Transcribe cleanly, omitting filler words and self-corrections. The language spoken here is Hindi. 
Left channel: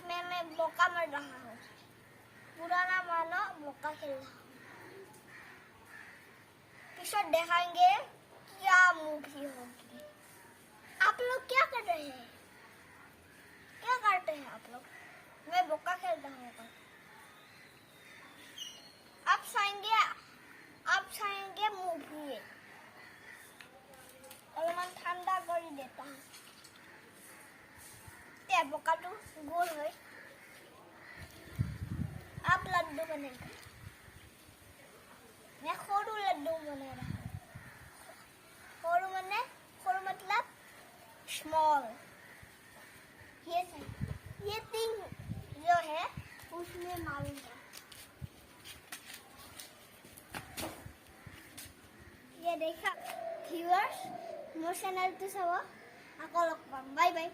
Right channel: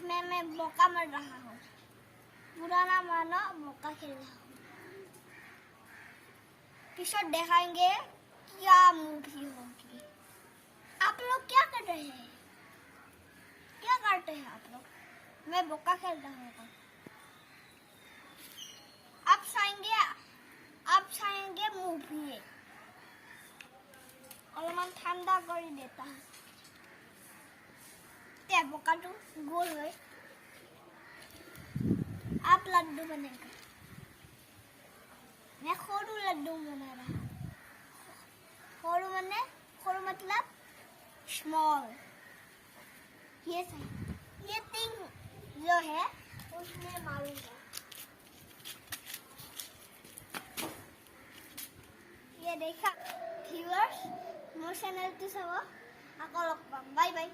आज मैं मौका मर रहा हूँ, पुराना मानो मौका खेल रहा हूँ। किशोर दिखाएंगे क्या मूवी होगी। आप लोग क्या कर रहे हैं? क्या करते हैं आप लोग? मैं मौका खेल रहा हूँ। आप चाहेंगे मूवी और मैं ठंडा कर देता हूँ। ते बोका तो गोल है। आप लड्डू बनेंगे, मैं खोरू लड्डू बना रहा हूँ। खोरू मतलब स्मॉल। ये थिंग जो है उसमें मारूंगा। ये देखा व्यूअर्स, मोर चैनल तो सब। Bye bye.